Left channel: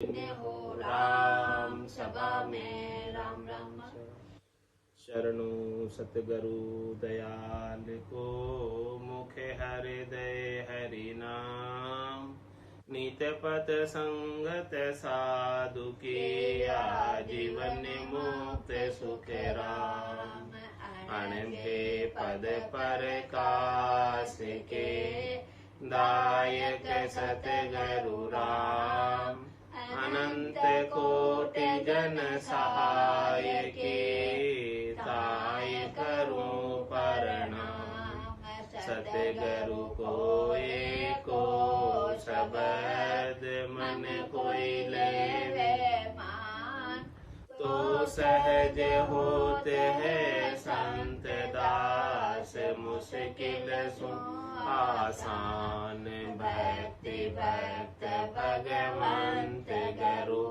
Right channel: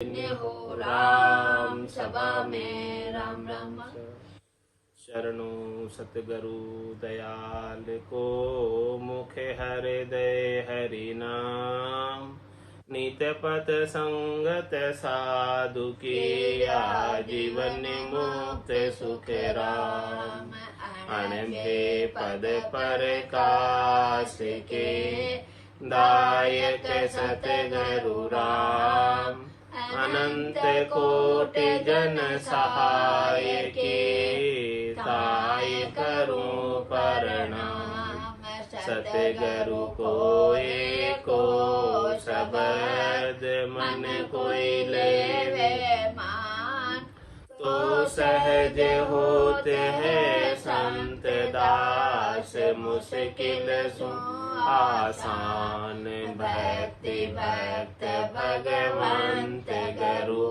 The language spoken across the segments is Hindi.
हो राम सभा में राम राम। शरणु सतगुरु दयाल को, मुखे हृदय हरि नाम। नित पथ संगत साधु की, आजीवन मुक्त सुख राम। अणबे पद पर कास के, दायक सतगुरु राम। अनंत कोटि जन सहाय के, ताय करूं प्रणाम। सतगुरु को एको शब्द, मन कोई लेवे मान। तो सहज होते हैं संत दास, मुश्किल सो आसान। भक्ति भक्त भगवंत गुरु,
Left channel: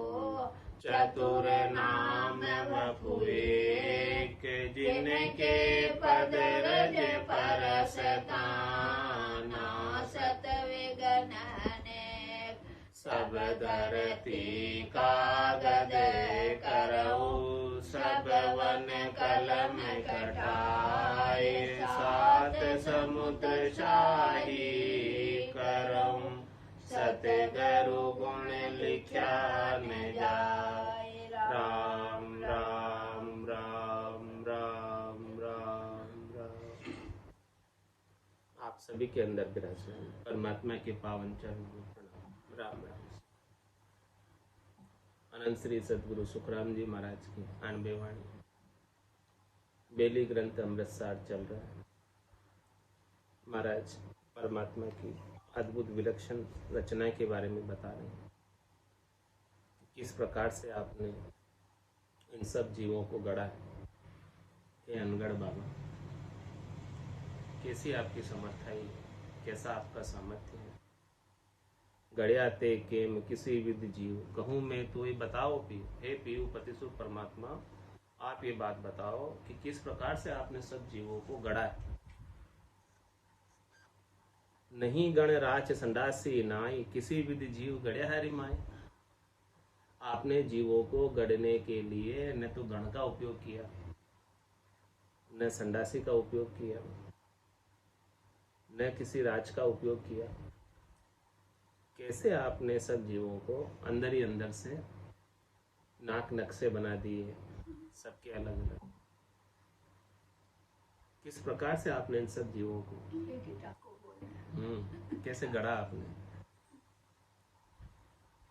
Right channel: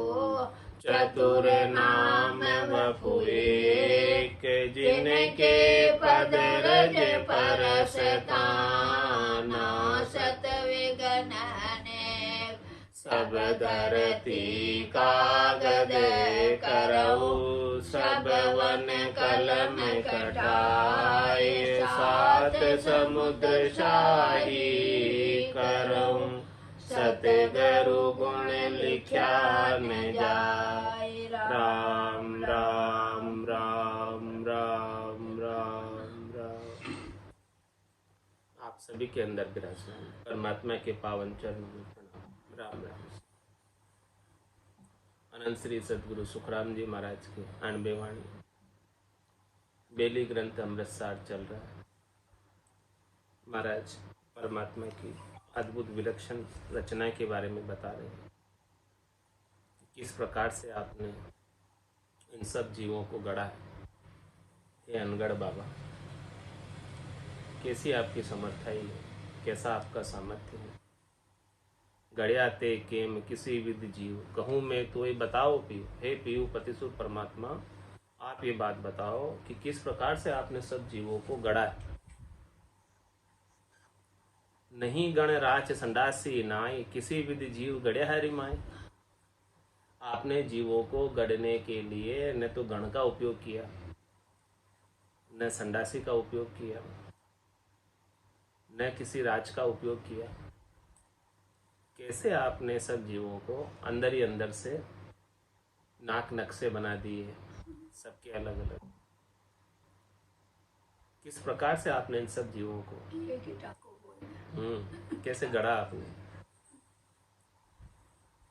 चतुर नाम बपु एक। जिनके पद रज परसता, नासत विघ्न अनेक। सब धरती कागद करऊ, सब वन कलम कटाए। सात समुद्र शाही करऊं, सतगुरु गुण लिख्या न जाय। राम राम राम राम राम राम। आप सभी के अंदर विराजमान परमात्मा के पावन चरणों में प्रणाम। राम राम। अनंत श्री सतगुरु सुखराम जी महाराज की 98 वाणी बेली ग्रंथ अमृतसार चल रहा है। महाराज परमात्मा की अद्भुत विलक्षण रचना के बारे में बता रहे हैं। किस प्रकार से आपने इन सब जीवों को गढ़ा है। हे अनगढ़ बाबा, कैसी आपकी समर्थाई है, कैसा आपका सामर्थ्य है। गढ़या ते केम किसी विद जीव, कहूँ मैं तो ये बताओ पीयू। हे पीयू पतिसुर परमात्मा, आप ये बात बताओ कि किस प्रकार से आपने सब जीवों को गढ़ा है। नहीं गण राच संडासी नाई, किसी विधि जीव गढ़े हरि माई। आपने जीवों को गढ़ने के लिए न तो गण का उपयोग किया, न संडासी का उपयोग किया, न किसी राज का उपयोग किया। कैसे आपने सब जीवों को अंदर ही अंदर से नाक नक्शे बना दिए, सबके अलग अलग। किस प्रकार से आपने इन सब जीवों को कैसे गढ़ा आपने।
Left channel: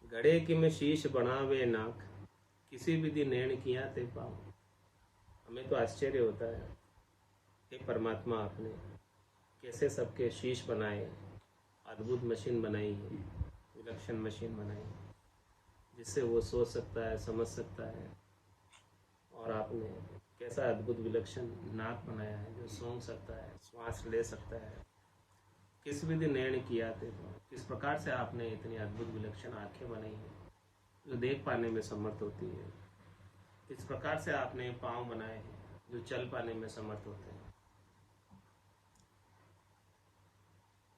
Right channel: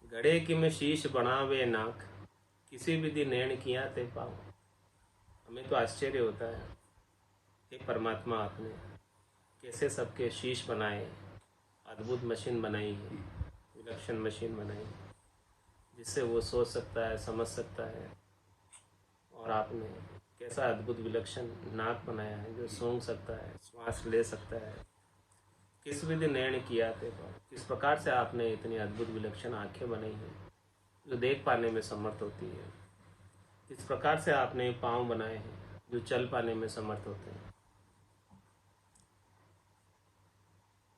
गढ़े कि मैं शीश बनावे नाक, किसी विधि नैण किया ते पाओ। हमें तो आश्चर्य होता है, हे परमात्मा आपने कैसे सबके शीश बनाए। अद्भुत मशीन बनाई है, विलक्षण मशीन बनाई है, जिससे वो सोच सकता है, समझ सकता है। और आपने कैसा अद्भुत विलक्षण नाक बनाया है, जो सूंघ सकता है, श्वास ले सकता है। किस विधि नैण किया थे, किस प्रकार से आपने इतनी अद्भुत विलक्षण आंखें बनाई हैं जो देख पाने में समर्थ होती है। किस प्रकार से आपने पाँव बनाए हैं जो चल पाने में समर्थ होते हैं।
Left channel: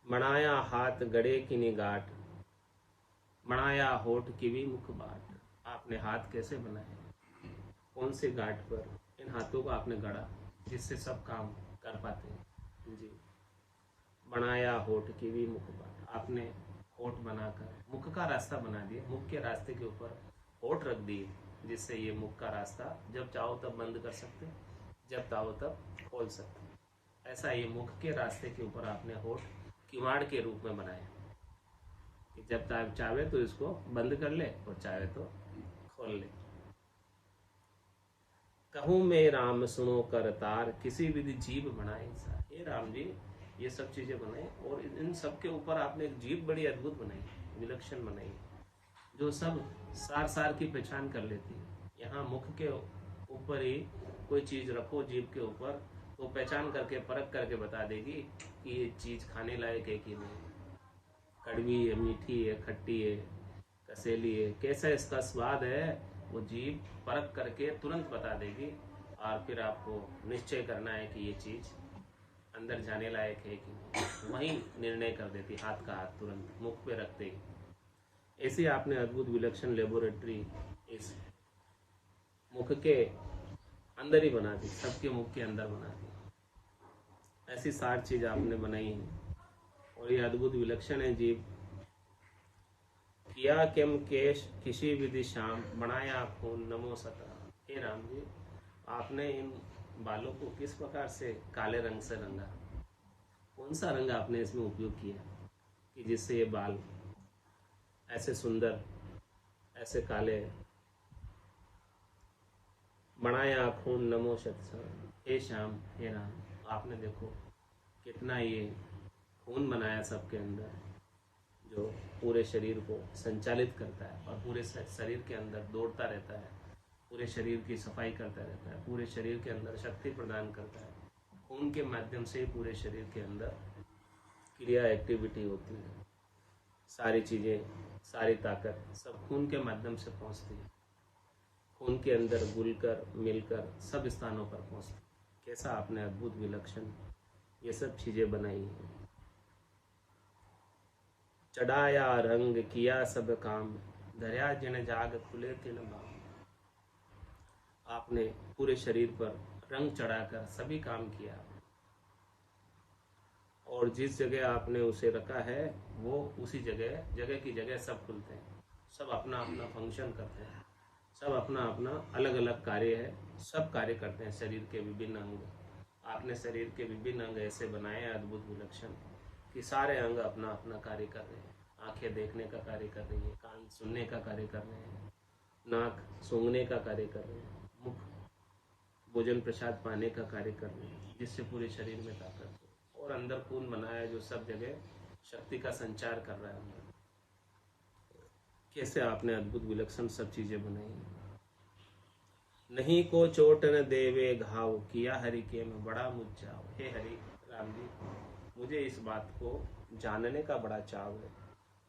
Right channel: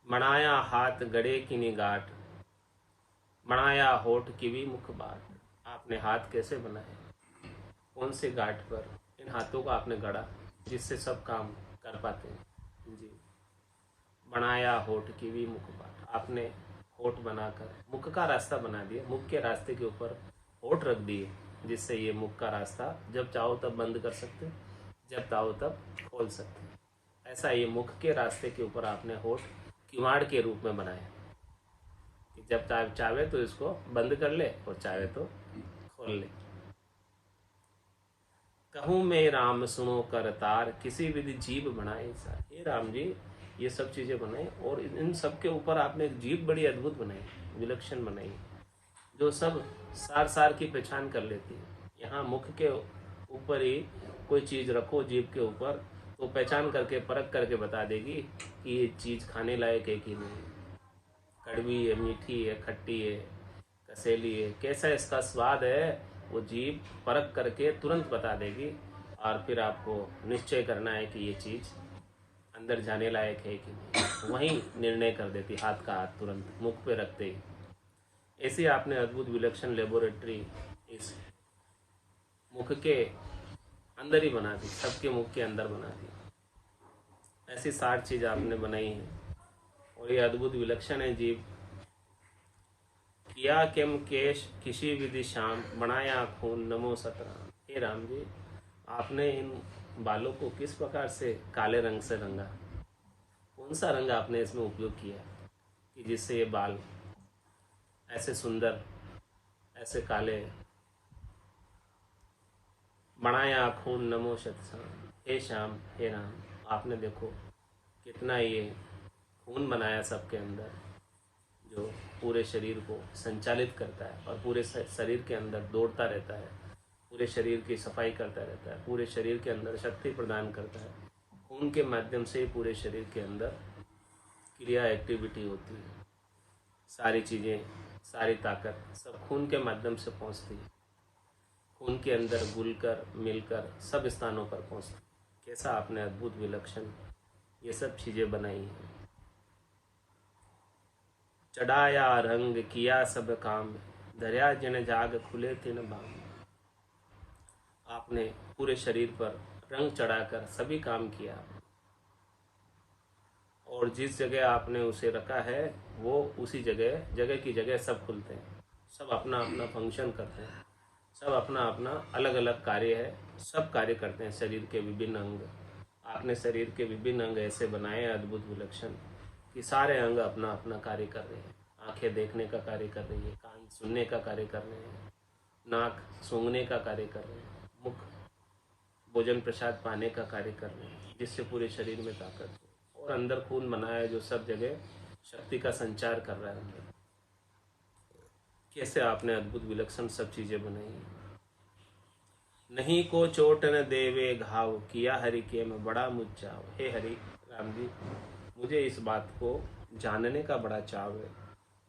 बनाया हाथ गड़े की निगाट, बनाया होठ की भी मुख बाट। आपने हाथ कैसे बनाए, कौन से गांठ पर इन हाथों को आपने गढ़ा जिससे सब काम कर पाते हैं जी। बनाया होठ की भी मुख बाट, आपने होठ बनाकर मुख का रास्ता बना दिया। मुख के रास्ते के ऊपर होठ रख दिए, जिससे ये मुख का रास्ता जब चाहो तब बंद कर सकते, जब चाहो तब खोल सकते। ऐसा ये मुख के रास्ते के ऊपर आपने होठ किवाड़ के रूप में बनाया कि जब चाहे तो इसको बंद कर ले और चाहे तो खोल ले। कहूँ मैं राम सुनो कर तार, किसी विधि जीव बनाए सार। हे राम जी, ये सब चीज़ें बनाई और इन सब के ऊपर आपने एक जीव बड़ी अद्भुत बनाई, विलक्षण बनाई, जो सब सार सार की पहचान कर लेती है। यहाँ मुख के ऊपर ही कोई चीज़ रखो जीभ के ऊपर, तो पहचान करके परख करके बता देगी कि ये चीज़ खाने लायक है कि नहीं, कड़वी है, मीठी है, खट्टी है, कसेली है, कैसा इसका स्वाद है, वो जीभ परख करके तुरंत बता देगी। और फिर आपको निश्चय करना है कि ये चीज़ अंदर जाने लायक है कि नहीं, वहीं निर्णय कर देती, हाथ का हाथ तुरंत मुख पे रखते ही। ऐसी आपने अद्भुत विलक्षण लेबोरेटरी इस मुख के अंदर ही बना दी, सबके मुख के अंदर बना दी। ऐसी 60 चीज आपने बनाई है और ये अद्भुत विलक्षण है जीव। किया किम केश किसी विधि श्याम बनाया खून नमो सतराम। हे राम जी, आपने इन बालों को किस प्रकार से काले रंग से रंगा, कौन सा रंग आपने इसमें उपयोग किया कि जिससे ये बाल ऐसे सुंदर, ऐसे काले। बनाया खून नमो सतराम। हे श्याम, हे राम, आपने देखो कितना ये खून बनाया सबके अंदर, जो पूरे शरीर को संचालित करता है और पूरे शरीर के अंदर दौड़ता रहता है, पूरे शरीर की सफाई करता रहता है, पूरे शरीर के अंदर शक्ति प्रदान करता है। खून के माध्यम से पूरे शरीर के अंदर क्रिया एक्टिविटी होती है, सारी चीज़ें, सारी ताकत सब खून के माध्यम से पहुंचती है। खून के अंदर घुलकर मिलकर सब स्थानों पर पहुंचती। कैसा आपने अद्भुत विलक्षण ये सब चीज़ें बनाई हैं। चढ़ाया रंग किया सब काम, धर्या जिन जाग खुले तिन बाम। आपने पूरे शरीर पर रंग चढ़ाकर सभी काम किया और जिस जगह आपने उसे रखा है वो उसी जगह, जगह की जगह सब खुलते हैं, सब अपना अपना फंक्शन करते हैं, सब अपना अपना अलग अलग कार्य है, सब कार्य करते हैं। शरीर के विभिन्न अंग, आपने शरीर के विभिन्न अंग ऐसे बनाए हैं अद्भुत विलक्षण कि सारे अंग अपना अपना कार्य कर रहे हैं। आंखें देखने का कार्य कर रही है, कान सुनने का कार्य कर रहे हैं, नाक सूंघने का कार्य कर रहे हैं, मुख भोजन प्रसाद पाने का कार्य कर रहे हैं, जिससे पूरे शरीर में ताकत हो। और अंदर खून बना है जो सब जगह शक्ति का संचार कर रहा है अंदर। कैसे आपने अद्भुत विलक्षण सब चीजें बनाई। नहीं को चोट न देवे घाव, किया हरि के में बड़ा मुझाव। हे हरि राम जी, मुझे इस बात को जानने का बड़ा चाव है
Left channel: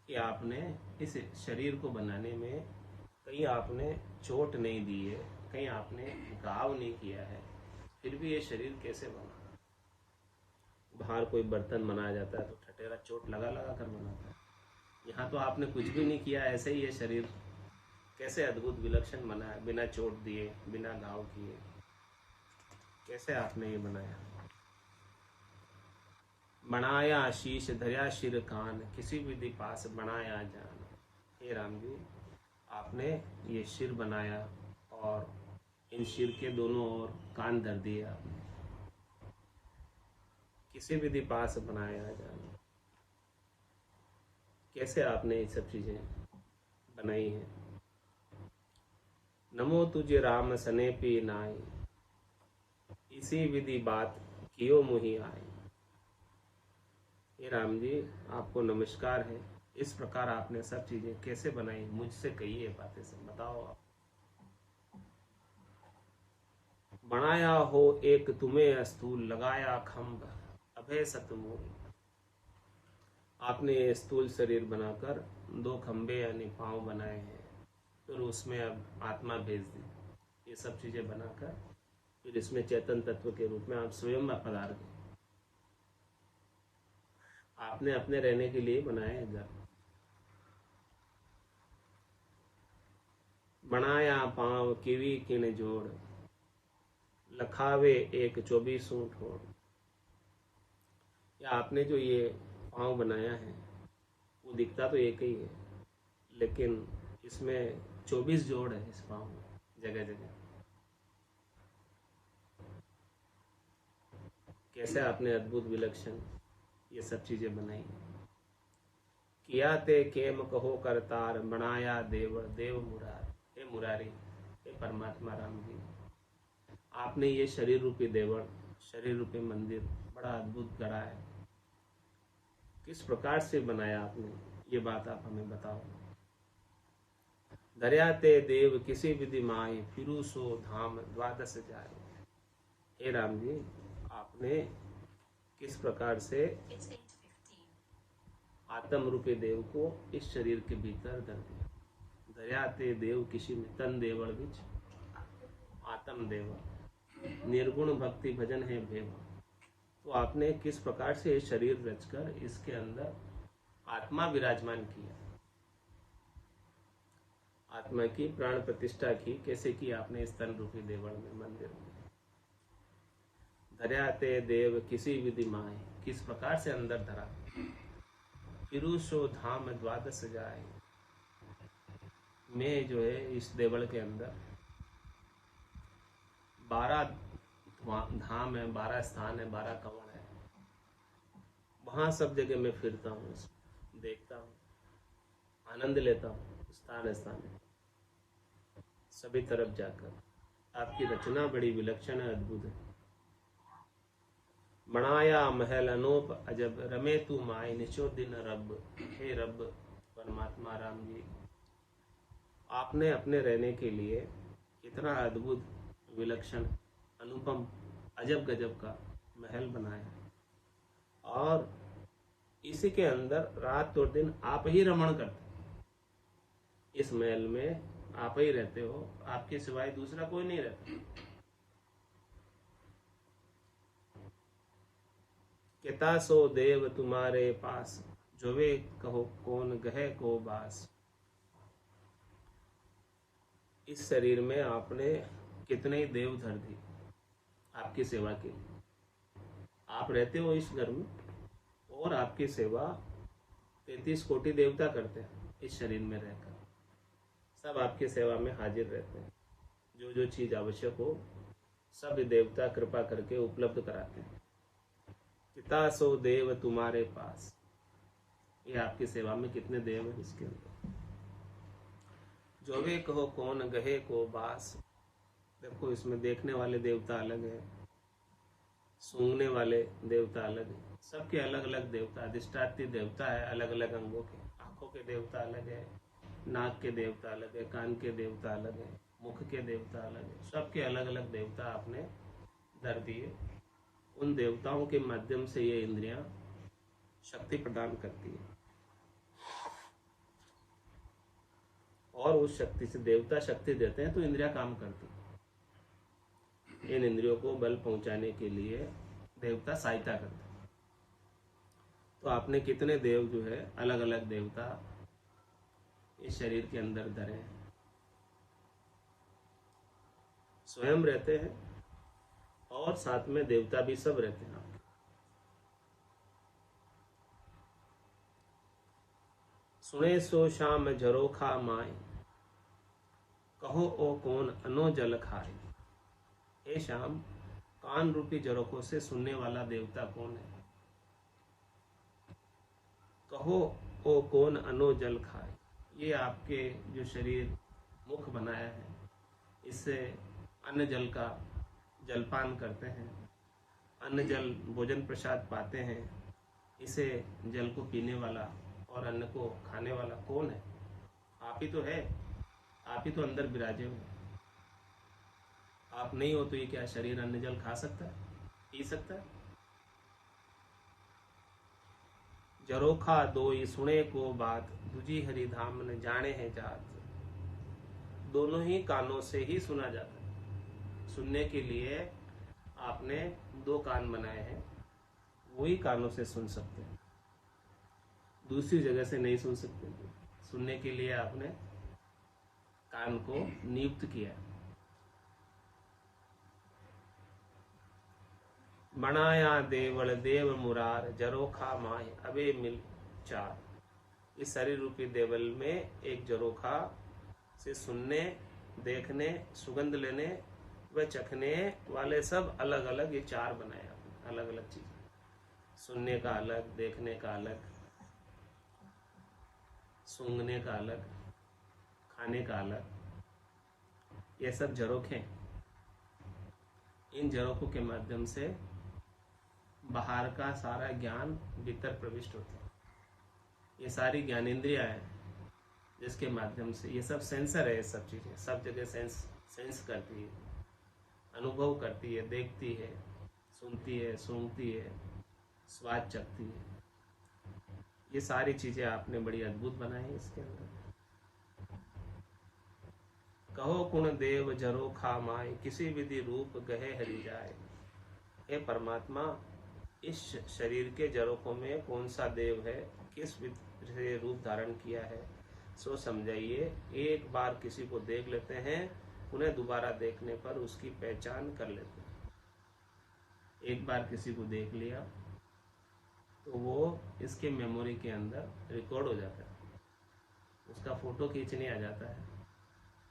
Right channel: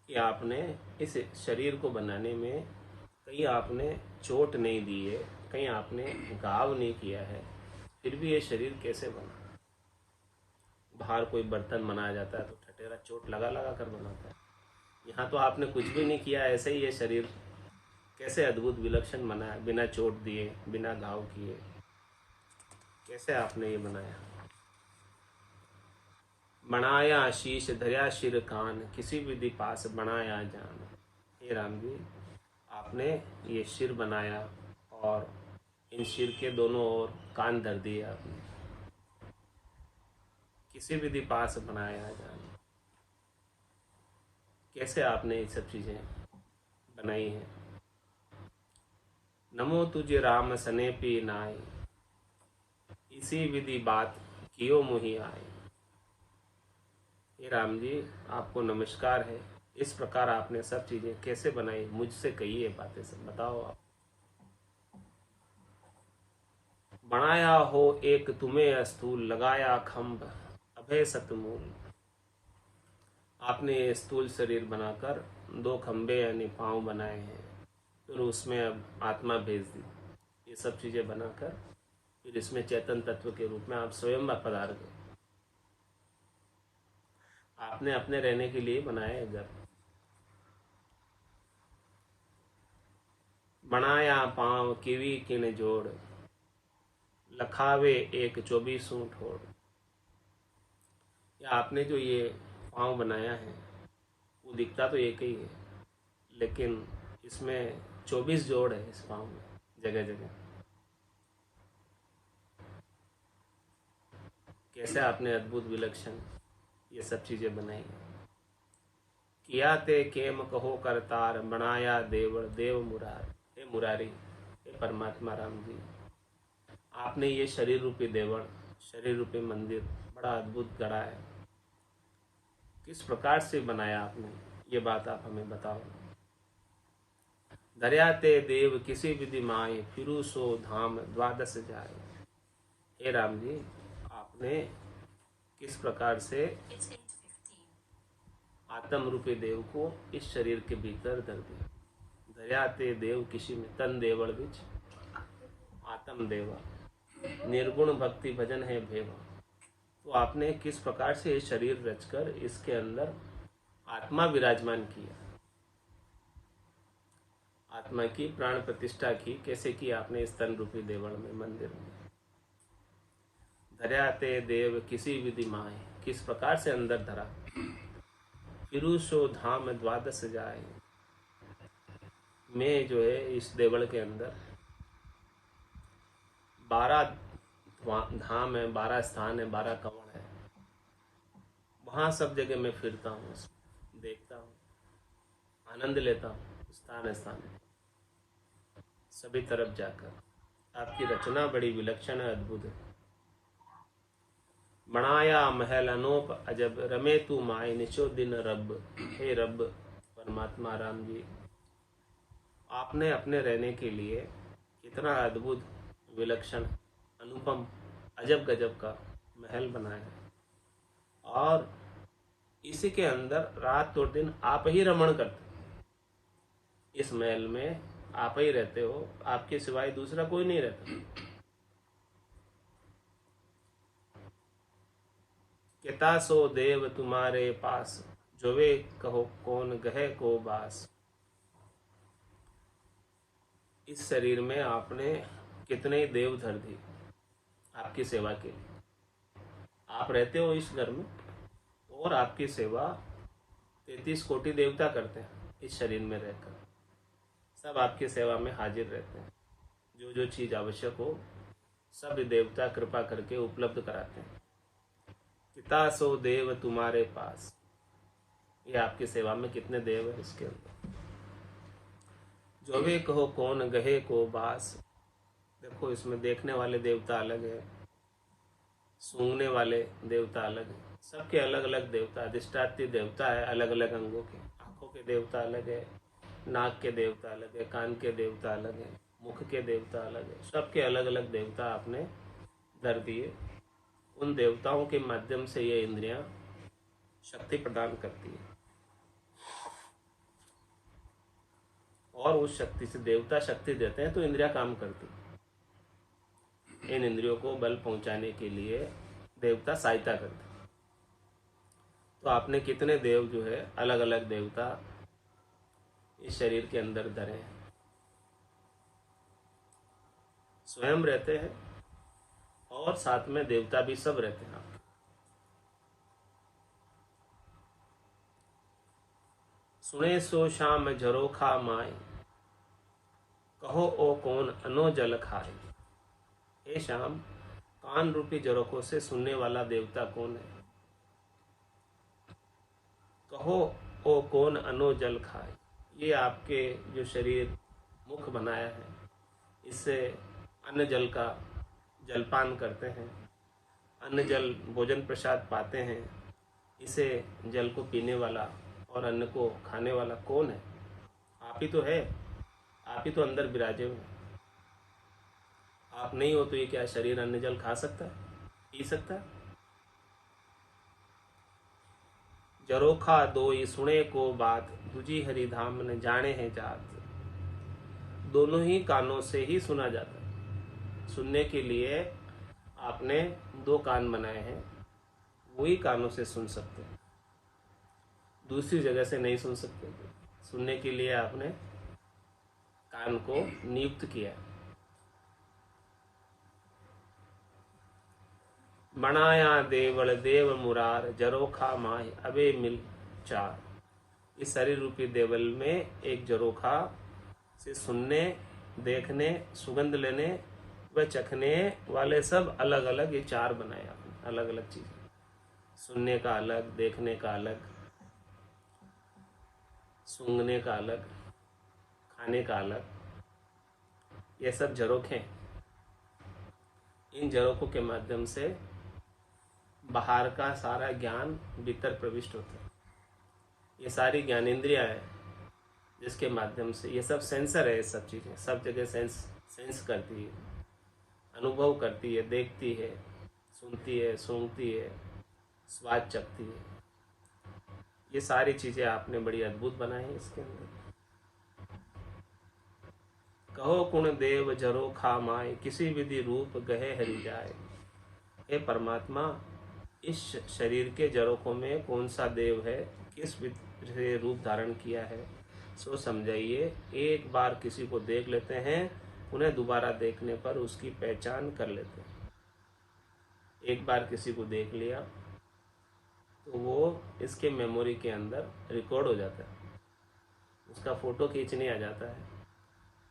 कि आपने इस शरीर को बनाने में कहीं आपने चोट नहीं दी है, कहीं आपने घाव नहीं किया है, फिर भी ये शरीर कैसे बना। बाहर कोई बर्तन बनाया जाता है तो ठटेरा चोट लगा लगा कर बनाता है, यहाँ तो आपने कुछ भी नहीं किया, ऐसे ही ये शरीर कैसे अद्भुत विलक्षण बनाया, बिना चोट दिए, बिना घाव किए, कैसे आपने ये बनाया। बनाया शीश धर्या शिर कान, किसी विधि पास बनाया जान। हे राम जी, आपने ये सिर बनाया और इन सिर के दोनों ओर कान धर दिए आपने, किसी विधि पास बनाया जान। कैसे आपने ये सब चीजें बनाई हैं। नमो तुझे राम सने पी नाय, इसी विधि बात कियो मुहि आए। हे राम जी, आपको नमस्कार है, इस प्रकार आपने सब चीजें कैसे बनाई, मुझसे कहिए बातें सब बताओ आप। बनाया हो एक तुम्हें स्थूल, लगाया खम्भ अभय सतमूल। आपने ये स्थूल शरीर बनाकर 2 खंबे यानी पांव बनाए हैं, फिर उसमें अब आत्मा भेज दी, ये सब चीजें बनाकर फिर इसमें चेतन तत्व के रूप में आप स्वयं पधार गए। आपने अपने रहने के लिए बनाया घर। बनाया पांव किवी किन जोड़, लखावे एक 24 ठोड़। या आपने जो ये पांव बनाया है वो दिखता तो एक ही है, लेकिन इसमें 24 जोड़ है इस पांव में, जगह जगह। कैसे आपने अद्भुत विलक्षण ये सब चीजें बनाई। किया ते केम कहो करतार, बनाया देवड़ देव मुरार। हे मुरारी, हे परमात्मा राम जी, आपने ये शरीर रूपी देवड़, शरीर रूपी मंदिर बड़ा अद्भुत गढ़ा है, किस प्रकार से बनाया आपने, ये बात आप हमें बताओ। धर्या ते देव किसी विधि माए, फिरू सो धाम 12 जाए। हे राम जी, आपने किस प्रकार से आत्म रूपी देव को इस शरीर के भीतर धर दिया। धर्या ते देव किसी में तन देवड़ बिच आत्म देवा, निर्गुण भक्ति भजन है भेवा। तो आपने किस प्रकार से ये शरीर रचकर इसके अंदर आत्मा विराजमान किया। आत्मा की प्राण प्रतिष्ठा की, कैसे की आपने इस तन रूपी देवल में, मंदिर में। धर्याते देव किसी विधि माए, किस प्रकार से अंदर धरा। फिरूसो धाम द्वादश जाए, मैं जो है इस देवल के अंदर 12 धाम है, 12 स्थान है, 12 कवण है, वहाँ सब जगह मैं फिरता हूँ, देखता हूँ, आनंद लेता हूँ, स्थान स्थान सभी तरफ जाकर। आपकी रचना बड़ी विलक्षण है, अद्भुत है। बनाया महल अनोप अजब, रमे तू माए निशो दिन रब। हे रब परमात्मा राम जी, आपने अपने रहने के लिए इतना अद्भुत, विलक्षण, अनुपम, अजब गजब का महल बनाया है, और इसी के अंदर रात और दिन आप ही रमण करते। इस महल में आप ही रहते हो, आपके सिवाय दूसरा कोई नहीं रहता। किता सो देव तुम्हारे पास, जो वे कहो कौन गहे को बास। इस शरीर में आपने कितने देव धर दिए आपकी सेवा के लिए। आप रहते हो इस घर में, और आपकी सेवा 33 कोटि देवता करते हैं इस शरीर में रहकर। सब आपकी सेवा में हाजिर रहते हैं। जो जो चीज़ आवश्यक हो सब देवता कृपा करके उपलब्ध कराते हैं। पिता सो देव तुम्हारे पास, ये आपकी सेवा में कितने देव है इसके अंदर। जो भी कहो कौन गहे को बास। देखो इसमें देखने वाले देवता अलग है, सूंघने वाले देवता अलग है, सबके अलग अलग देवता। अधिष्ठात्री देवता है अलग अलग अंगों के, आंखों के देवता अलग है, नाक के देवता अलग है, कान के देवता अलग है, मुख के देवता अलग है। सबके अलग अलग देवता आपने धर दिए। उन देवताओं के माध्यम से ये इंद्रियां शक्ति प्रदान करती है, और उस शक्ति से देवता शक्ति देते हैं तो इंद्रियां काम करती है। इन इंद्रियों को बल पहुंचाने के लिए देवता सहायता करते हैं। तो आपने कितने देव जो है अलग अलग देवता इस शरीर के अंदर धरे हैं। स्वयं रहते हैं और साथ में देवता भी सब रहते हैं आपके। सुने सो शाम झरोखा माए, कहो ओ कौन अनो जल खाए। हे शाम, कान रूपी झरोखों से सुनने वाला देवता कौन है। कहो ओ कौन अनो जल खाए। ये आपके जो शरीर मुख बनाया है, इससे अन्न जल का जलपान करते हैं, अन्न जल भोजन प्रसाद पाते हैं। इसे जल को पीने वाला और अन्न को खाने वाला कौन है। आप ही तो है, आप ही तो अंदर विराजे हो। आप नहीं हो तो ये क्या शरीर अन्न जल खा सकता है, पी सकता है। जरोखा दोई सुने को बात, दूजी हरिधाम न जाने हैं जात। दोनों ही कानों से ही सुना जाता है। सुनने के लिए आपने 2 कान बनाए हैं, वही कानों से सुन सकते हैं, दूसरी जगह से नहीं सुन सकते। सुनने के लिए आपने कान को नियुक्त किया। बनाया देवल देव मुरार, जरोखा माय अबे मिल चार। इस शरीर रूपी देवल में एक जरोखा से सुनने, देखने, सुगंध लेने व चखने वाले सब अलग अलग ये 4 बनाए आपने, अलग अलग चीजें। सुनने का अलग, देखने का अलग, सूंघने का अलग, खाने का अलग, ये सब झरोखे। इन झरोखों के माध्यम से बाहर का सारा ज्ञान भीतर प्रविष्ट होता है। ये सारी ज्ञानेंद्रियां हैं जिसके माध्यम से, ये सब सेंसर है, ये सब चीज़ें सब जगह सेंस करती है, अनुभव करती है, देखती है, सुनती है, सूंघती है, स्वाद चखती है। ये सारी चीज़ें आपने बड़ी अद्भुत बनाई हैं इसके अंदर। कहो कुण देव जरो खा माए, किसी विधि रूप गहे हरि जाए। हे परमात्मा, इस शरीर के जरोखों में कौन सा देव है, किस विधि से रूप धारण किया है, सो समझाइए, एक बार किसी को देख लेते हैं, उन्हें दोबारा देखने पर उसकी पहचान कर लेते हैं। एक बार किसी को देख लिया तो वो इसके मेमोरी के अंदर रिकॉर्ड हो जाता है, उसका फोटो खींचने आ जाता है,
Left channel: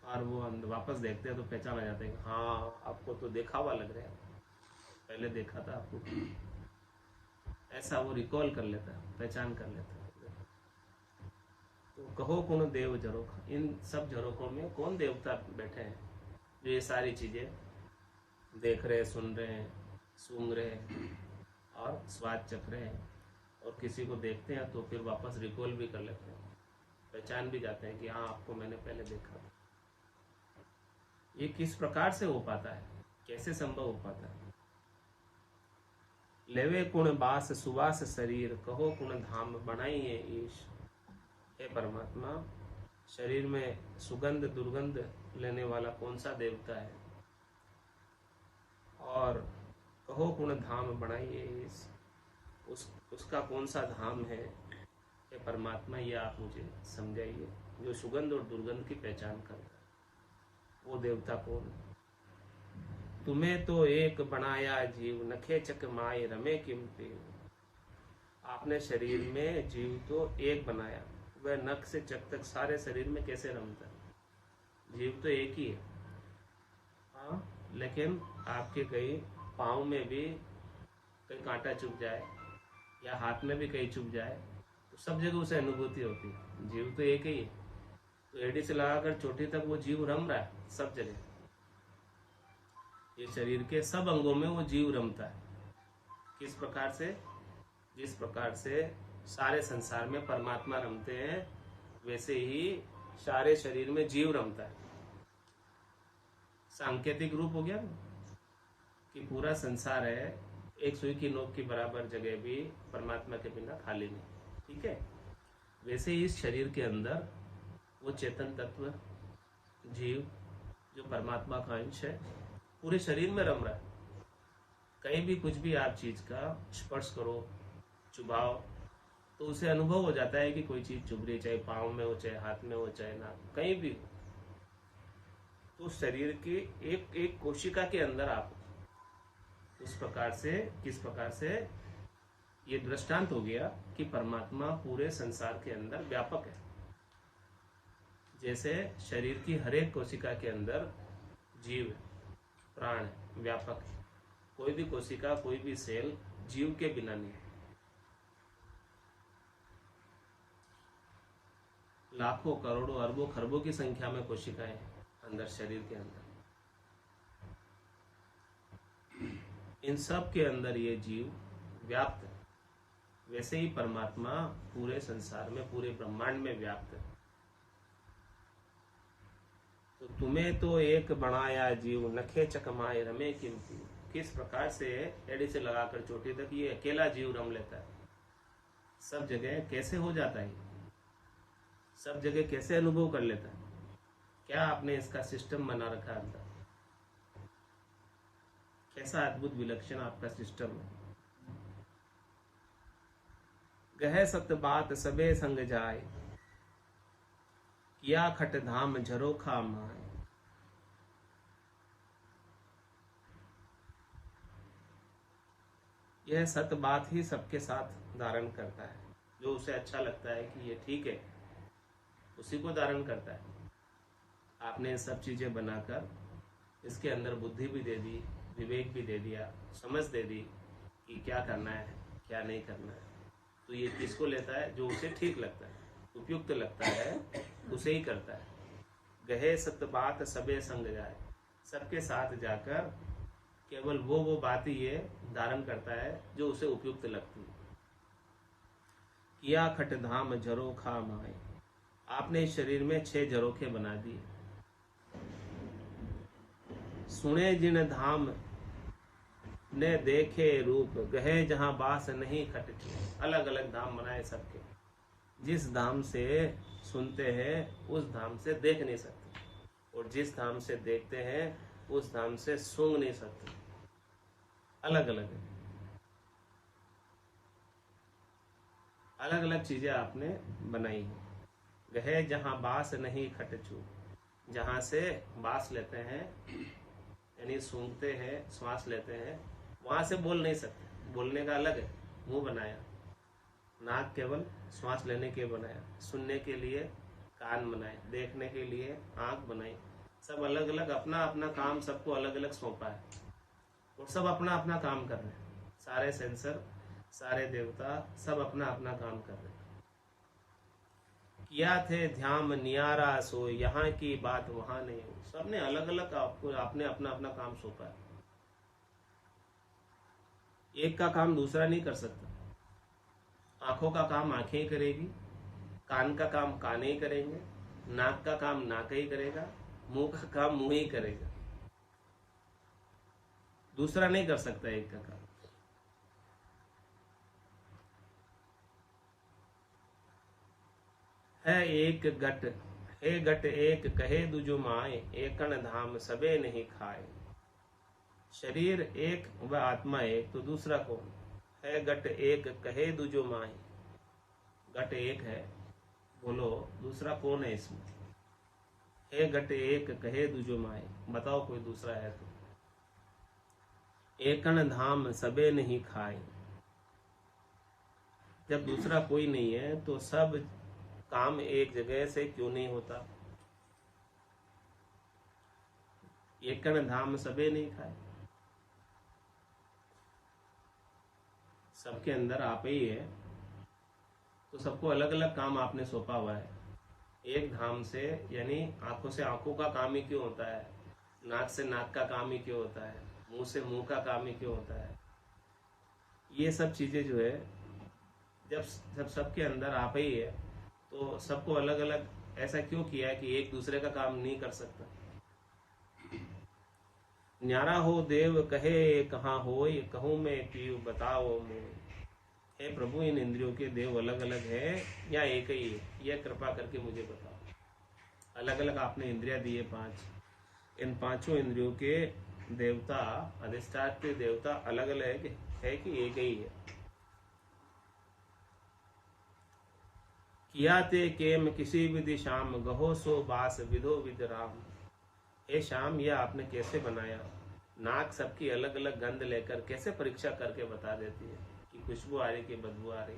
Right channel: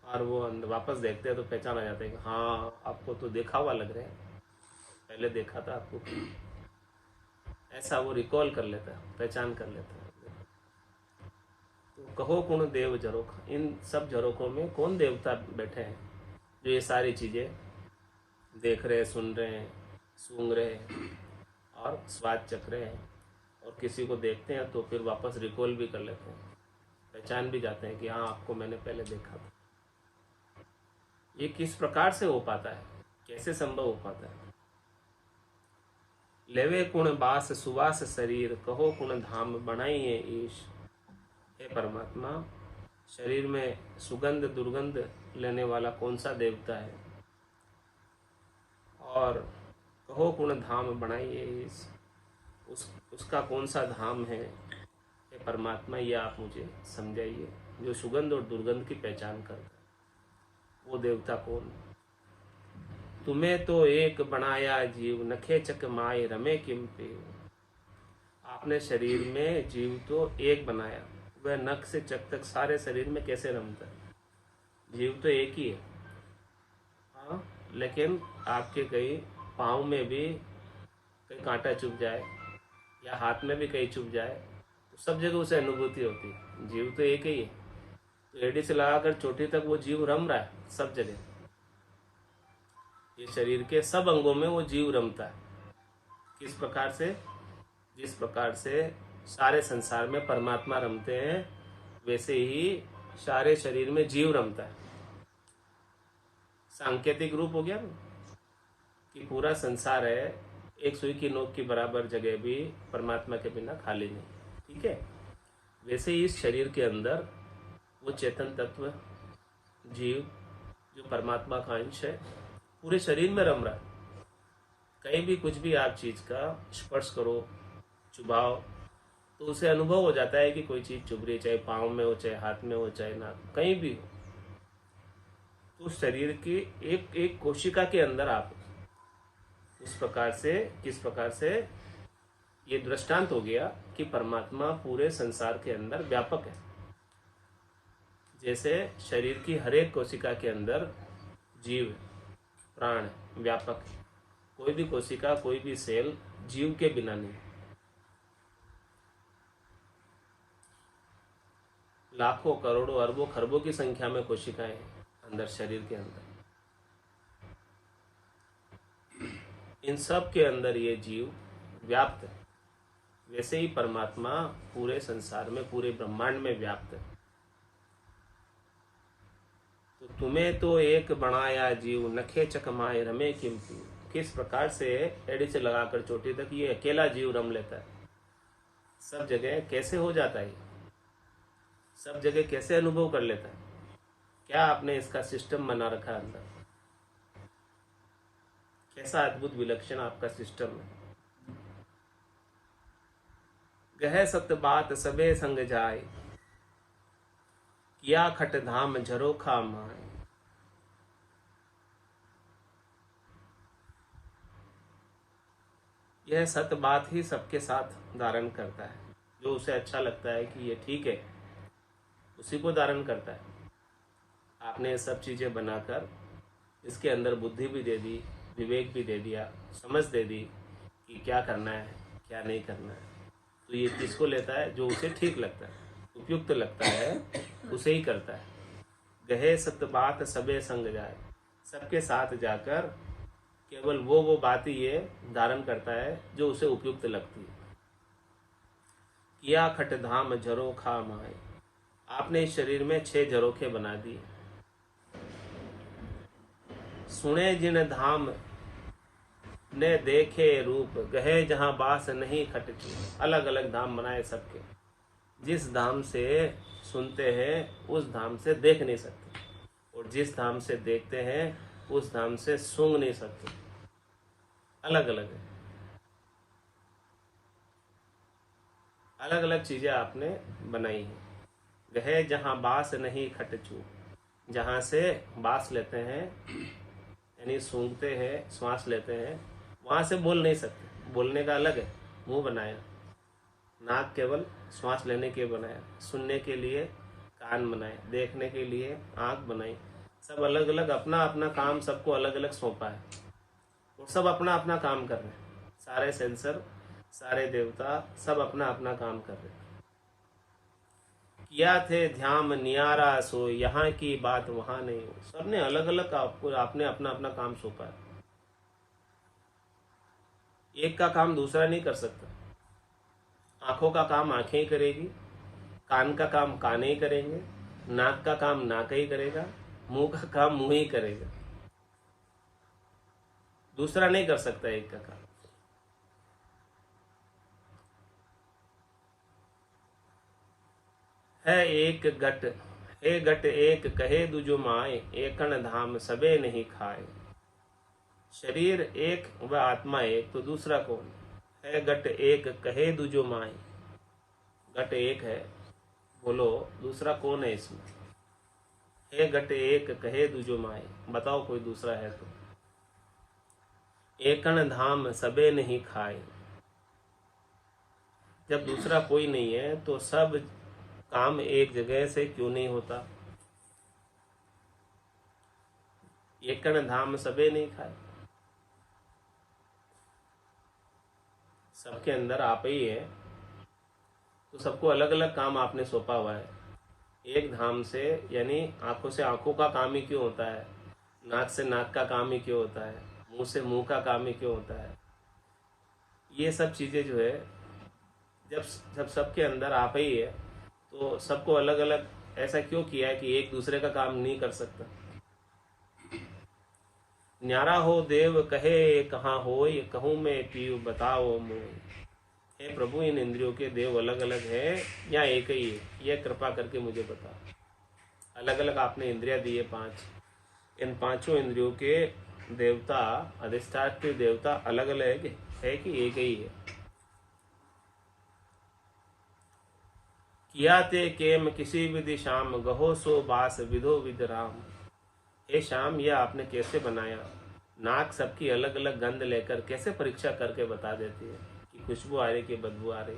और वो वापस देखते हैं तो पहचान आ जाता है कि हाँ आपको तो देखा हुआ लग रहा है, पहले देखा था आपको। ऐसा वो रिकॉल कर लेता है, पहचान कर लेता है। तो कहो कौन देव झरोख, इन सब झरोखों में कौन देवता बैठे हैं जो ये सारी चीजें देख रहे हैं, सुन रहे हैं, सूंघ रहे हैं और स्वाद चख रहे हैं, और किसी को देखते हैं तो फिर वापस रिकॉल भी कर लेते हैं, पहचान भी जाते हैं कि हाँ आपको मैंने पहले देखा था। ये किस प्रकार से हो पाता है, कैसे संभव हो पाता है? लेवे कुण बास सुवास शरीर, कहो कुण धाम बनाइए ईश। हे परमात्मा, शरीर में सुगंध दुर्गंध लेने वाला कौन सा देवता है, और कहो कुण धाम बनाइए ईश, उसका कौन सा धाम है? हे परमात्मा, ये आप मुझे समझाइए, जो सुगंध और दुर्गंध की पहचान करता है, वो देवता कौन? तुम्हें तो एक बनाया जीव, नखे चक माए रमे किम पेव। आपने शरीर में जीव तो एक बनाया, वह नख से चक तक सारे शरीर में कैसे रमता है? जीव तो एक ही है, हाँ, लेकिन आपके कई पाँव में भी कहीं कांटा चुभ जाए या हाथ में भी कहीं चुभ जाए तो सब जगह उसे अनुभूति होती है। जीव तो एक ही है, तो एड़ी से लगाकर चोटी तक वो जीव रम रहा है सब जगह। ये शरीर के सब अंगों में वो जीव रमता है। किस प्रकार से? जिस प्रकार से सारे संसार में परमात्मा रमते हैं, वैसे ही सारे शरीर में जीव रमता है। सांकेतिक रूप हो गया ना, कि पूरा संसार है, एक सुई की नोक की बराबर जगह भी परमात्मा के बिना खाली नहीं, ठीक है? वैसे ही इस शरीर के अंदर वो चेतन तत्व जीव जो परमात्मा का अंश है, पूरे शरीर में रम रहा है। कहीं भी कुछ भी आप चीज का स्पर्श करो, चुभाओ, तो उसे अनुभव हो जाता है कि कोई चीज चुभ रही है, चाहे पाँव में हो, चाहे हाथ में हो, चाहे नाक, कहीं भी हो। तो शरीर की एक एक कोशिका के अंदर आप उस प्रकार से, किस प्रकार से ये दृष्टांत हो गया कि परमात्मा पूरे संसार के अंदर व्यापक है। जैसे शरीर की हर एक कोशिका के अंदर जीव प्राण व्यापक है, कोई भी कोशिका, कोई भी सेल जीव के बिना नहीं। लाखों करोड़ों अरबों खरबों की संख्या में कोशिकाएं अंदर शरीर के अंदर, इन सब के अंदर ये जीव व्याप्त है। वैसे ही परमात्मा पूरे संसार में, पूरे ब्रह्मांड में व्याप्त है। तो तुम्हें तो एक बनाया जीव, नखे चकमाए रमे किम। किस प्रकार से एड़ी से लगाकर चोटी तक ये अकेला जीव रम लेता है, सब जगह कैसे हो जाता है, सब जगह कैसे अनुभव कर लेता है? क्या आपने इसका सिस्टम बना रखा है अंदर? कैसा अद्भुत विलक्षण आपका सिस्टम है। गह सत्य बात सबे संग जाए, किया खट धाम झरोखा माए। यह सत्य बात ही सबके साथ धारण करता है, जो उसे अच्छा लगता है कि ये ठीक है, उसी को धारण करता है। आपने ये सब चीजें बनाकर इसके अंदर बुद्धि भी दे दी, विवेक भी दे दिया, समझ दे दी कि क्या करना है, क्या नहीं करना है। तो ये किसको लेता है? जो उसे ठीक लगता है, उपयुक्त लगता है, उसे ही करता है। गहे सत्य बात सबे संग जाए, सबके साथ जाकर केवल वो बात ही ये धारण करता है जो उसे उपयुक्त लगती है। किया खट धाम झरोखा माए, आपने इस शरीर में 6 झरोखे बना दिए। सुने जिन धाम ने देखे रूप, गहे जहां बास नहीं खट चूप। अलग अलग धाम बनाए सबके, जिस धाम से सुनते हैं उस धाम से देख नहीं सकते, और जिस धाम से देखते हैं उस धाम से सूंघ नहीं सकते। अलग अलग है, अलग अलग चीजें आपने बनाई हैं। गहे जहाँ बास नहीं खटचू, जहाँ से बास लेते हैं यानी सूंघते हैं, श्वास लेते हैं, वहाँ से बोल नहीं सकते। बोलने का अलग है, मुंह बनाया, नाक केवल श्वास लेने के बनाया, सुनने के लिए कान बनाए, देखने के लिए आँख बनाई। सब अलग अलग अपना अपना काम सबको अलग अलग सौंपा है और सब अपना अपना काम कर रहे हैं। सारे सेंसर, सारे देवता सब अपना अपना काम कर रहे हैं। किया थे ध्यान नियारा सो, यहाँ की बात वहां नहीं हो। सबने अलग अलग आपको आपने अपना अपना काम सौंपा है। एक का काम दूसरा नहीं कर सकता। आंखों का काम आंखें ही करेगी, कान का काम कान ही करेंगे, नाक का काम नाक ही करेगा, मुंह का काम मुंह ही करेगा। दूसरा नहीं कर सकता एक का काम। है एक गट, हे गट एक कहे दुजो माए, एकन धाम सबे नहीं खाए। शरीर एक व आत्मा एक, तो दूसरा कौन है? गट एक कहे दुजो माए, गट एक है, बोलो दूसरा कौन है इसमें? हे गट एक कहे दुजो माए, बताओ कोई दूसरा है तो। एकन धाम सबे नहीं खाए, जब दूसरा कोई नहीं है तो सब काम एक जगह से क्यों नहीं होता? एकन धाम सबे नहीं खाए, सबके अंदर आप ही है, तो सबको अलग अलग काम आपने सौंपा हुआ है। एक धाम से यानी आंखों से आंखों का काम ही क्यों होता है, नाक से नाक का काम ही क्यों होता है, मुंह से मुंह का काम ही क्यों होता है? ये सब चीजें जो है जब जब सबके अंदर आप ही है तो सबको अलग अलग ऐसा क्यों किया है कि एक दूसरे का काम नहीं कर सकता? न्यारा हो देव कहे कहाँ होय, कहूँ मैं पीऊ बताओ मोय। हे प्रभु, इन इंद्रियों के देव अलग अलग हैं या एक ही है? यह कृपा करके मुझे बताओ। अलग अलग आपने इंद्रियां दी है 5, इन 5 इंद्रियों के देवता, अधिष्ठात्री देवता अलग अलग है कि एक ही है? किया ते केम किसी विधि श्याम, गहो सो बास विधो विद राम। हे श्याम, यह आपने कैसे बनाया? नाक सबकी अलग अलग गंध लेकर कैसे परीक्षा करके बता देती है कि खुशबू आ रही कि बदबू आ रही,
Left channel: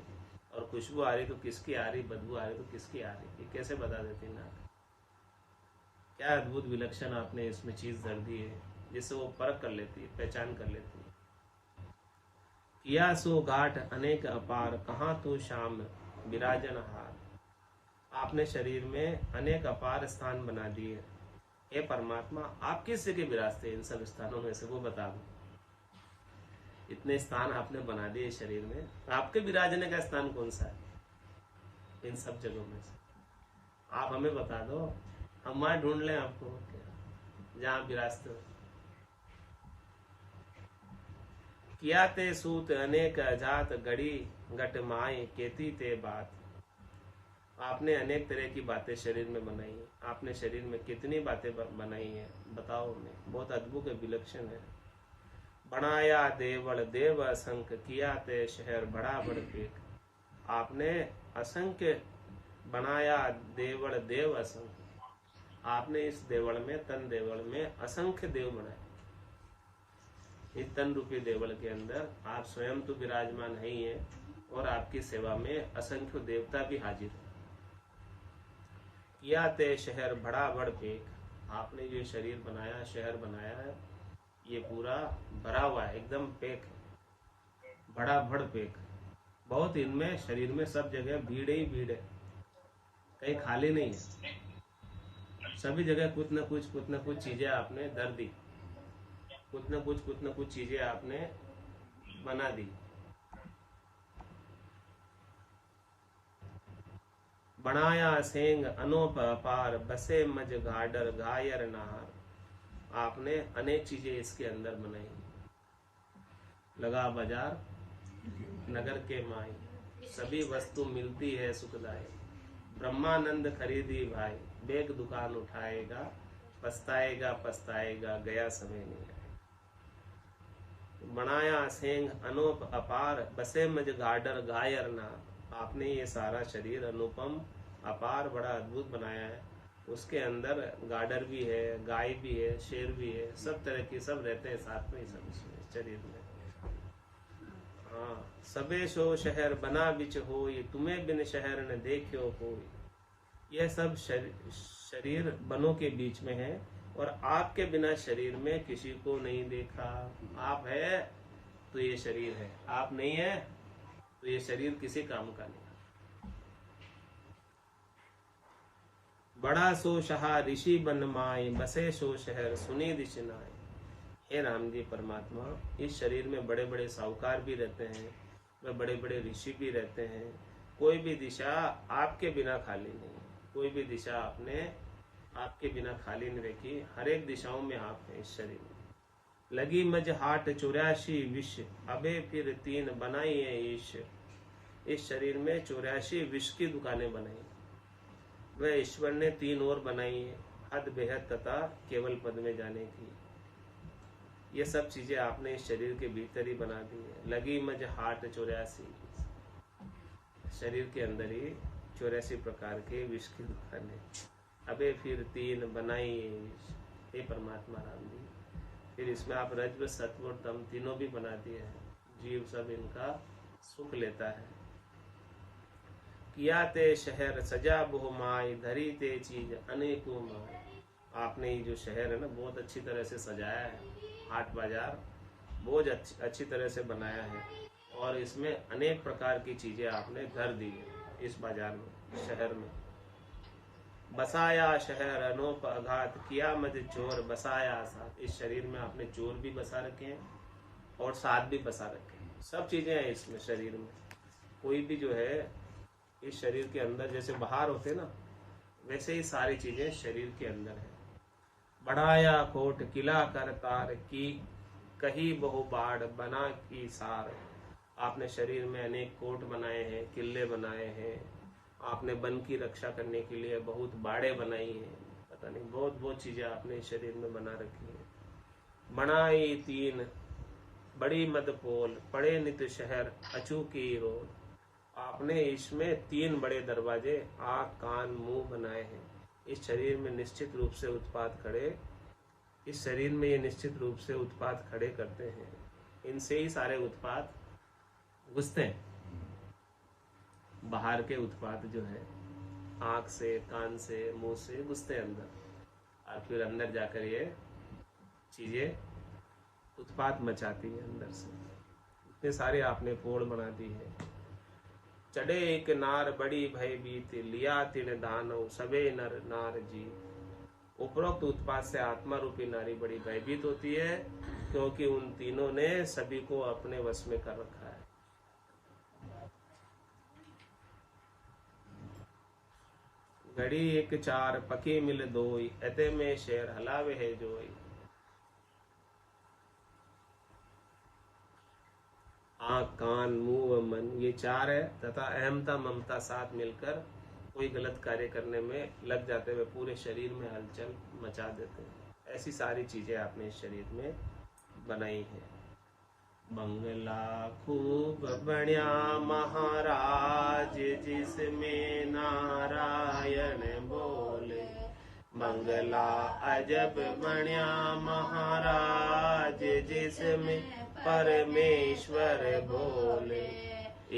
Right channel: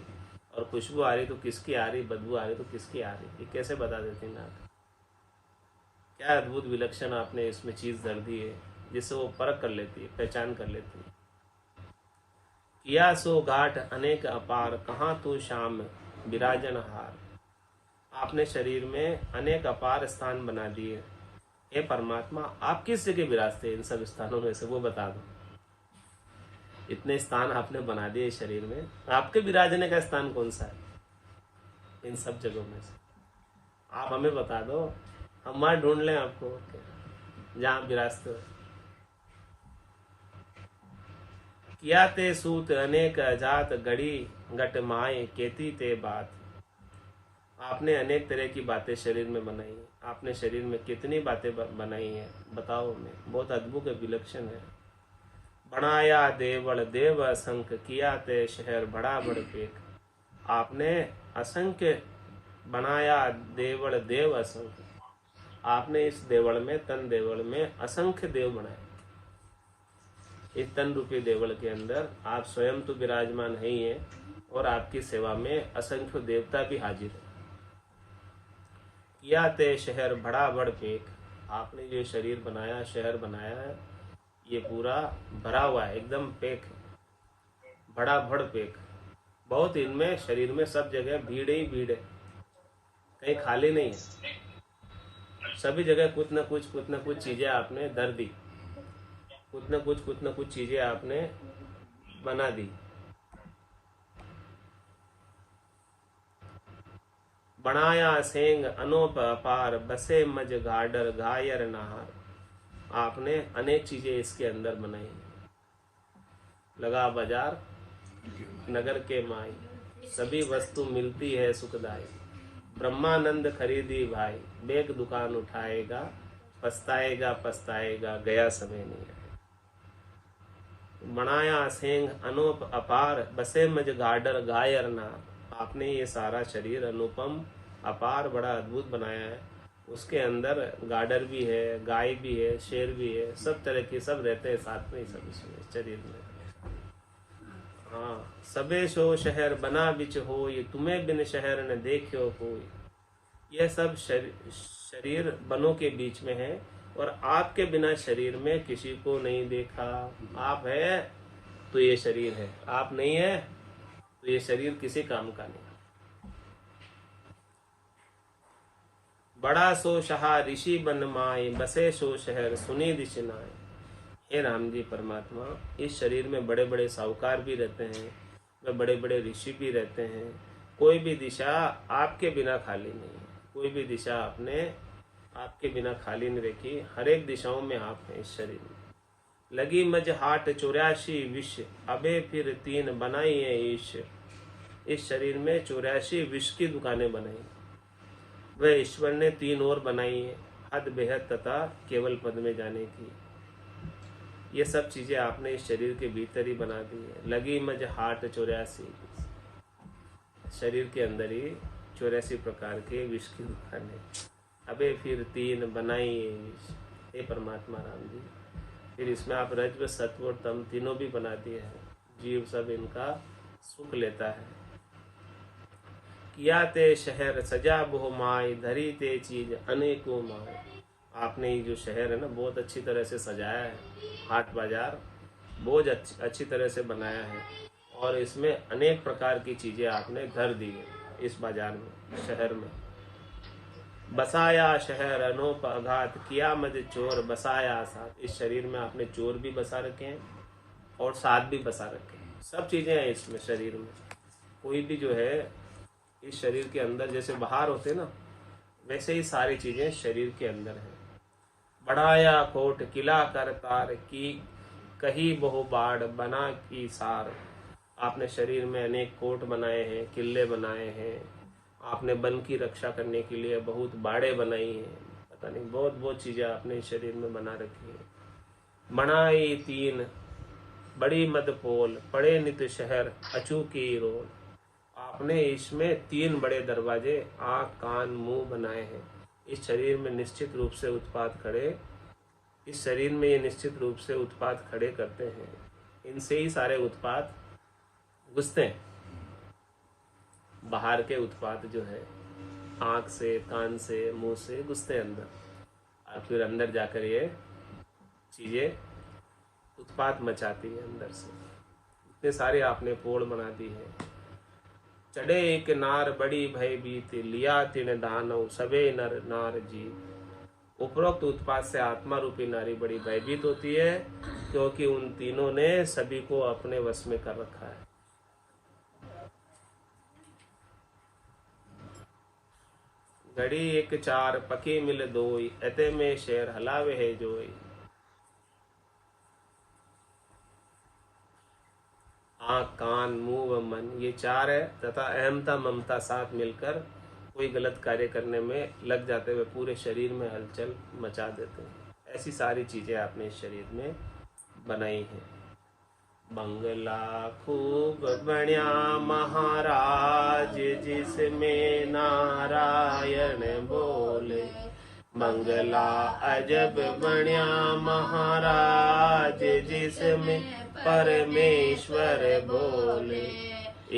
और खुशबू आ रही तो किसकी आ रही, बदबू आ रही तो किसकी आ रही, ये कैसे बता देती है नाक? क्या अद्भुत विलक्षण आपने इसमें चीज धर दी है जिससे वो परख कर लेती है, पहचान कर लेती है। किया सो घाट अनेक अपार, कहाँ तू श्याम विराजन हार। आपने शरीर में अनेक अपार स्थान बना दिए। हे परमात्मा, आप किस जगह विराजते हैं इन सब स्थानों में से, वो बता दो। इतने स्थान आपने बना दिए शरीर में, आपके विराजने का स्थान कौन सा है इन सब जगहों में से? आप हमें बता दो, हम वहां ढूंढ लें आपको जहां विराजते हो। किया ते सूत अनेक जात, गड़ी गट माए केती ते बात। आपने अनेक तरह की बातें शरीर में बनाई है। आपने शरीर में कितनी बातें बनाई हैं बताओ हमें। बहुत अद्भुत है, विलक्षण है। बनाया देवल देव असंख्य, किया ते शहर बड़ा बड़ पेक। आपने असंख्य बनाया देवल देव असंख्य। आपने इस देवल में, तन देवल में असंख्य देव बनाए। इस तन रूपी देवल के अंदर आप स्वयं तो विराजमान है ही हैं और आपकी सेवा में असंख्य देवता भी हाजिर है। किया ते शहर बड़ा बड़ पेक। आपने जो शरीर बनाया, शहर बनाया है, ये पूरा भरा हुआ है, एकदम पेक, बड़ा भड़ पेक। बहुत इनमें शरीर में सब जगह भीड़ ही भीड़ है, कहीं खाली नहीं है। सभी जगह कुछ न कुछ चीजें आपने धर दी, कुछ न कुछ चीजें आपने बना दी। बनाया सेंग अनोप अपार, बसे मज गाडर घायर नहार। आपने अनेक चीजें इसके अंदर बनाई। लगा बाजार नगर के माई, सभी वस्तु मिलती है सुखदाई। ब्रह्मानंद खरीदी भाई, बेग दुकान उठाएगा, पछताएगा पछताएगा, गया समय नहीं आएगा। बनाया सेंग अनूप अपार, बसे मज गाडर गायर नार। आपने ये सारा शरीर अनुपम अपार बड़ा अद्भुत बनाया है। उसके अंदर गाडर भी है, गाय भी है, शेर भी है, सब तरह के सब रहते हैं साथ में ही सब इसमें शरीर में। हाँ, सबे सो शहर बना बिच हो, ये तुम्हें बिन शहर न देखो कोई। यह सब शरीर बनों के बीच में है और आपके बिना शरीर में किसी को नहीं देखा। आप है तो ये शरीर है, आप नहीं है तो ये शरीर किसी काम का नहीं। बड़ा सो शहा ऋषि बन माए, बसे सो शहर सुनी दिशनाए। हे राम जी परमात्मा, इस शरीर में बड़े बड़े साहूकार भी रहते हैं, वे बड़े बड़े ऋषि भी रहते हैं। कोई भी दिशा आपके बिना खाली नहीं है, कोई भी दिशा आपने आपके बिना खाली नहीं रखी। हर एक दिशाओं में आप हैं इस शरीर में। लगी मज हाट 84 विष, अबे फिर 3 बनाई है ईश। इस शरीर में 84 विष की दुकानें बनाई, वह ईश्वर ने 3 और बनाई है, हद बेहद तथा केवल पद में जाने की। ये सब चीजें आपने इस शरीर के भीतर ही बना दी है। लगी मज हाट 84, शरीर के अंदर ही 84 प्रकार के विष की दुकान है। अबे फिर 3 बनाई है विष। हे परमात्मा राम जी, फिर इसमें आप रज्व सत्व और तम तीनों भी बना दिए हैं। जीव सब इनका सुख लेता है। किया ते शहर सजा बहु माय, धरी ते चीज अनेकों माय। आपने ये जो शहर है ना बहुत अच्छी तरह से सजाया है, हाट बाजार बहुत अच्छी तरह से बनाया है और इसमें अनेक प्रकार की चीजें आपने धर दी है इस बाजार में, शहर में। बसाया शहर अनोप अघात, किया मज चोर बसाया साथ। इस शरीर में आपने चोर भी बसा रखे हैं और साथ भी बसा रखे हैं। सब चीजें हैं इसमें शरीर में। कोई भी जो है इस शरीर के अंदर जैसे बाहर होते ना, वैसे ही सारी चीजें शरीर के अंदर हैं। बढ़ाया कोट किला कर तार, की कही बहु बाढ़ बना की सार। आपने शरीर में अनेक कोट बनाए हैं, किले बनाए हैं, आपने वन की रक्षा करने के लिए बहुत बाड़े बनाई हैं, पता नहीं बहुत बहुत चीजें आपने शरीर में बना रखी है। बनाई 3 बड़ी मदपोल, पड़े नित शहर अचूकी रोल। आपने इसमें 3 बड़े दरवाजे आँख कान मुंह बनाए हैं। इस शरीर में निश्चित रूप से उत्पाद खड़े, इस शरीर में ये निश्चित रूप से उत्पाद खड़े करते हैं। इनसे ही सारे उत्पाद घुसते हैं। बाहर के उत्पाद जो है आँख से, कान से, मुंह से घुसते हैं अंदर और फिर अंदर जाकर ये चीजें उत्पाद मचाती है अंदर से। इतने सारे आपने पोड़ बना दी है। चढ़े एक नार बड़ी भयभीत, लिया तिन दानव सबे नर नार जीत। उपरोक्त उत्पाद से आत्मा रूपी नारी बड़ी भयभीत होती है क्योंकि उन तीनों ने सभी को अपने वश में कर रखा है। घड़ी 1 4 पके मिल दोई, अते में शेर हलावे है जोई। आँख कान मुंह व मन ये 4 है तथा अहमता ममता साथ मिलकर कोई गलत कार्य करने में लग जाते हुए पूरे शरीर में हलचल मचा देते हैं। ऐसी सारी चीजें आपने इस शरीर में बनाई हैं। बंगला खूब बण्या महाराज, जिसमें नारायण बोले। बंगला अजब बण्या महाराज, जिसमें परमेश्वर बोले।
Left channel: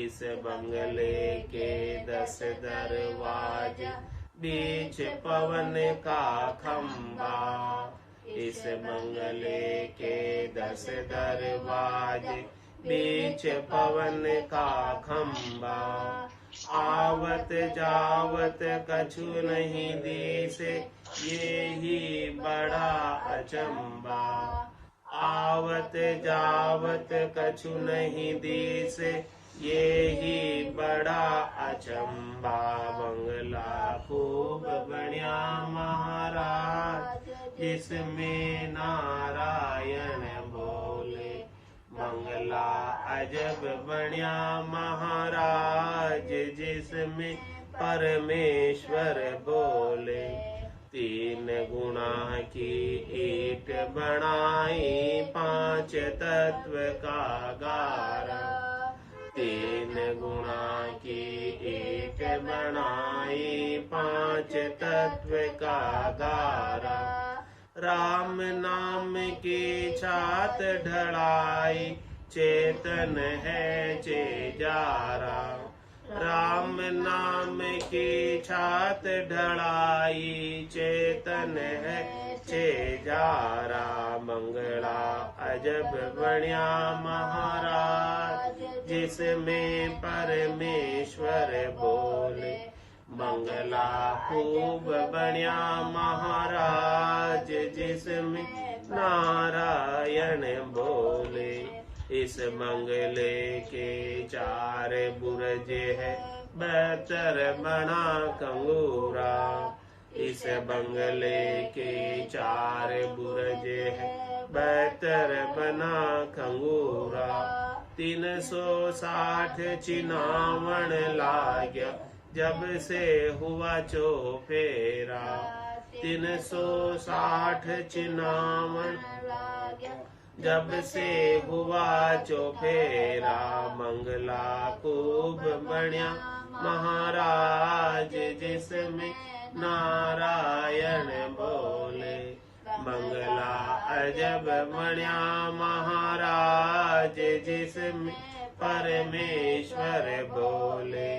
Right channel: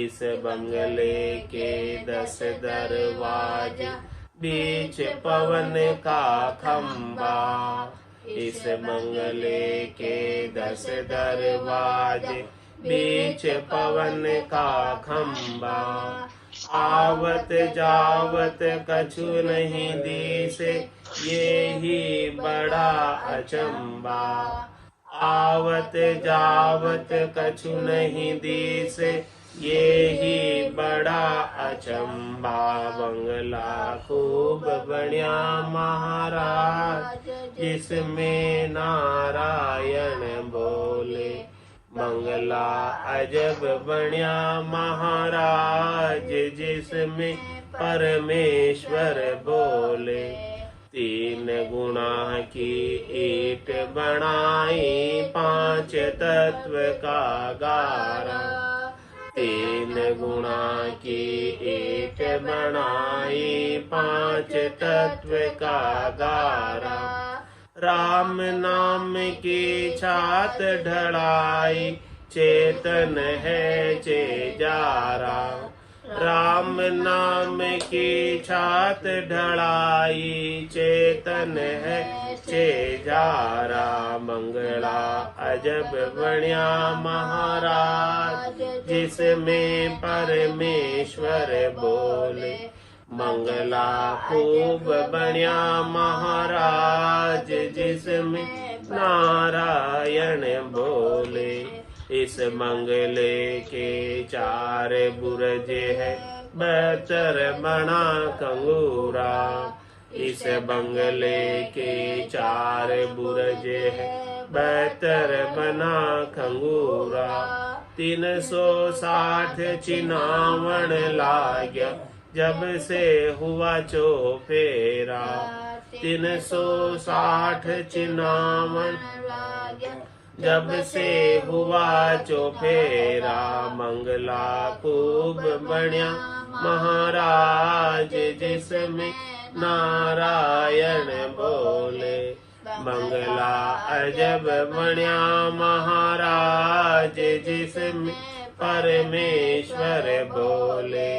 इस बंगले के 10 दरवाजे, बीच पवन का खंबा। इस बंगले के 10 दरवाजे, बीच पवन का खंबा। आवत जावत कछु नहीं दिसे, ये ही बड़ा अचंबा। आवत जावत कछु नहीं दिसे, ये ही बड़ा अचंबा। बंगला खूब बढ़िया महाराज, जिसमें नारायण बोले। बंगला अजब बढ़िया महाराज, जिसमें परमेश्वर बोले। 3 गुणा की ईट बनाई, 5 तत्व का गारा। तीन गुणा की एक बनाई, पांच तत्व का गारा। राम नाम की छात ढलाई, चेतन है चेजारा। राम नाम की छात ढलाई, चेतन है चेजारा। मंगला अजब बण्या महाराज, जिसमें परमेश्वर बोले। मंगला खूब बण्या महाराज, जिसमें नारायण बोले। इस मंगले के चार बुरज है, बहत्तर बना कंगूरा। इस बंगले के चार बुरज है, बहत्तर बना खंगूरा। 360 चिनावण लाग्या, जब से हुआ चौफेरा। 360 चिनावण जब से हुआ चौफेरा। मंगला खूब बण्या महाराज, जिसमें नारायण बोले। मंगला अजब बण्या महाराज, जिसमें परमेश्वर बोले।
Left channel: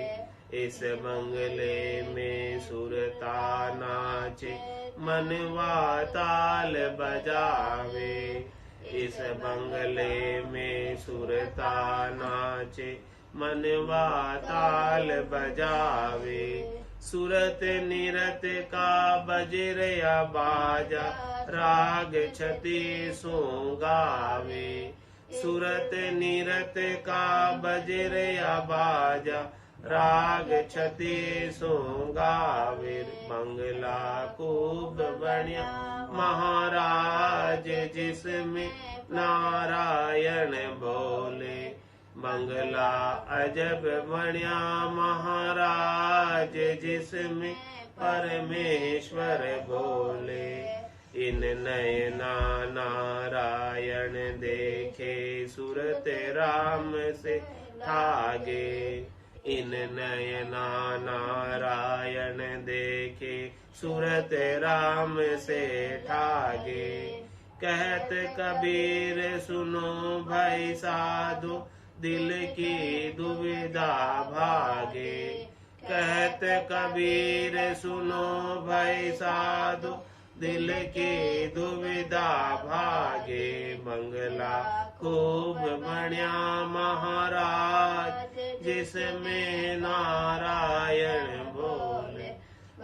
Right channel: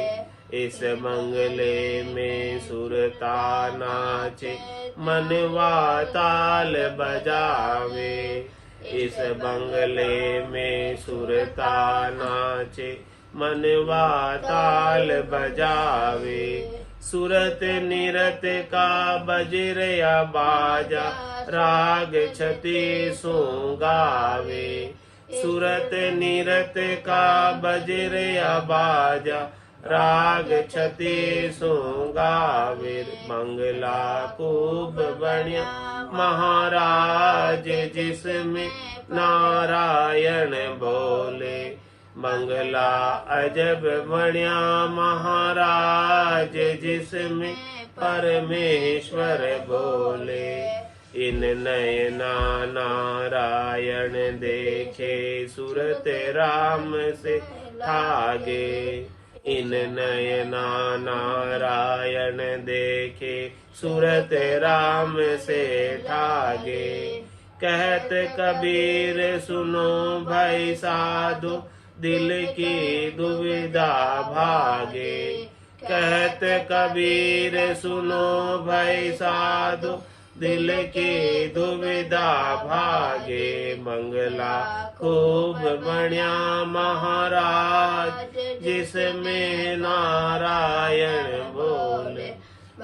इस मंगले में सुरता नाचे, मनवा ताल बजावे। इस बंगले में सुरता नाचे, मनवा ताल बजावे। सुरत निरत का बजर या बाजा, राग छति सुगावे। सुरत निरत का बजर या बाजा, राग छति सुगावे। मंगला खूब बण्या महाराज, जिसमें नारायण बोले। मंगला अजब बण्या महाराज, जिसमें परमेश्वर बोले। इन नयना नारायण देखे, सुरत राम से ठागे। इन नयना नारायण देखे, सुरत राम से ठागे। कहत कबीर सुनो भाई साधो, दिल की दुविधा भागे। कहत कबीर सुनो भाई साधो, दिल की दुविधा भागे। मंगला खूब बण्या महाराज, जिसमें नारायण बोले।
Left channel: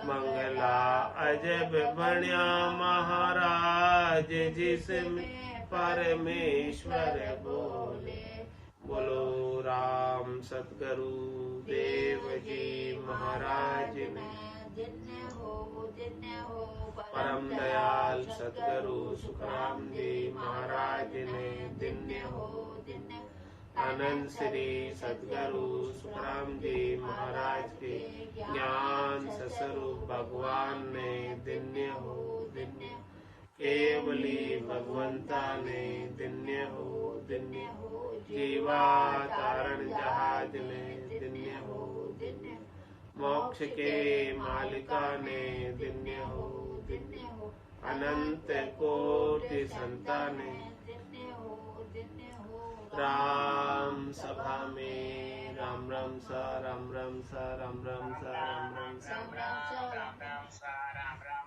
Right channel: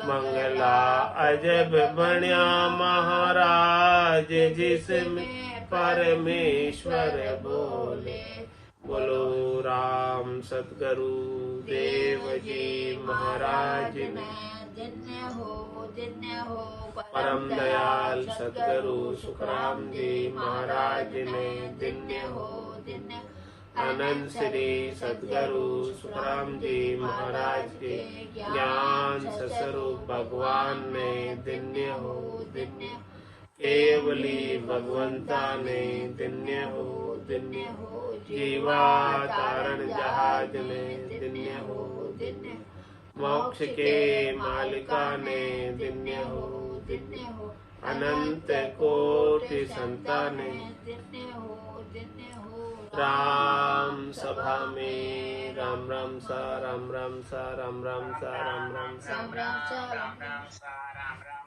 मंगला अजब बण्या महाराज, जिसमें परमेश्वर बोले। बोलो राम सतगुरु देव जी महाराज ने। परम दयाल सतगुरु सुखराम जी महाराज ने दिन्य हो। अनंत श्री सतगुरु सुखराम जी महाराज के ज्ञान स्वरूप भगवान ने दिन्य हो दिन्य। केवली भगवंता ने दिन्य हो दिन्य। जीवा तारण जहाज ने दिन्य हो दिन्य। मोक्ष के मालिका ने दिन्य हो दिन्य। अनंत कोटि संताने राम सभा में राम राम सा राम राम सा राम राम सा राम राम सा राम राम सा राम राम सा राम राम